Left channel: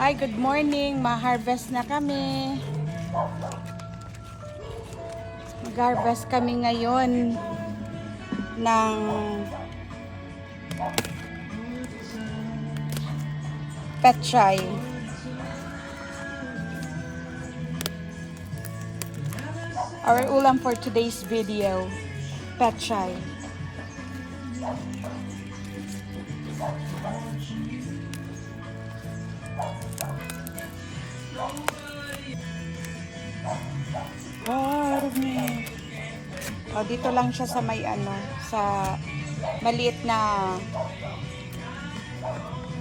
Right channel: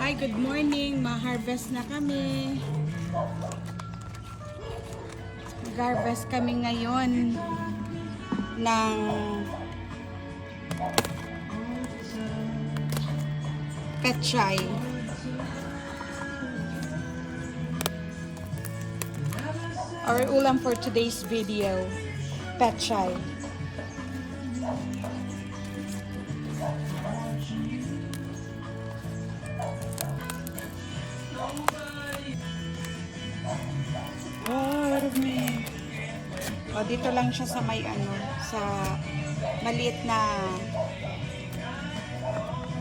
Hi, good morning. Ma-harvest na kami. Mag-harvest kami ngayon ng pechay. Our ulam for today's video, pechay. Oh, dito lang siya sa may sa maliit na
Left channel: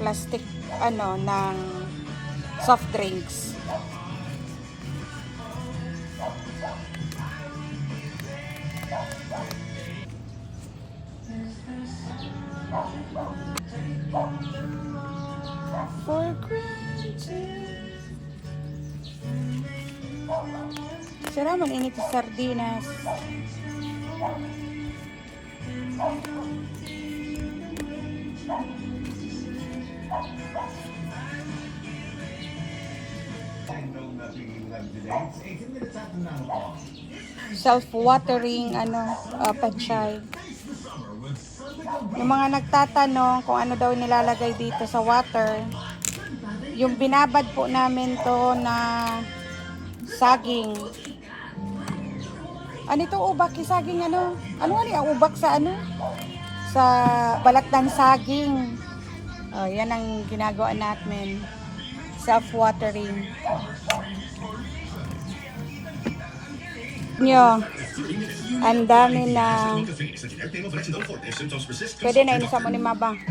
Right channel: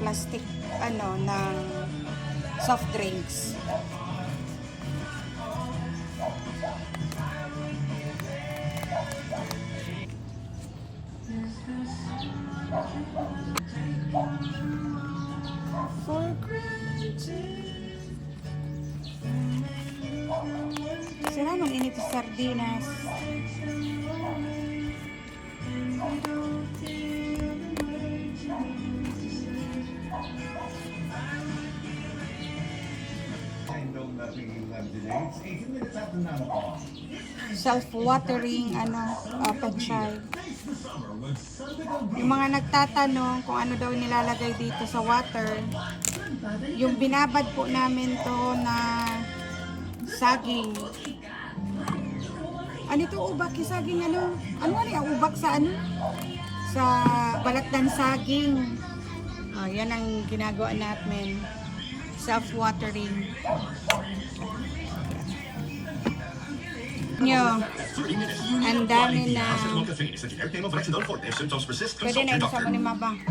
plastic ng soft drinks. For granted. Sarap ng init sa sardinas. Self-watering pechay. Yung mga nagtatanong kung ano daw nilalagay dito sa water, yung binabad po namin to na saging. Ano ito, ubak yung saging ano yung ubak sa sa balat ng saging. Oh, yan ang ginagawa natin. Self-watering. Nyo, ang dami na pwede na inusap mo ni Mabang.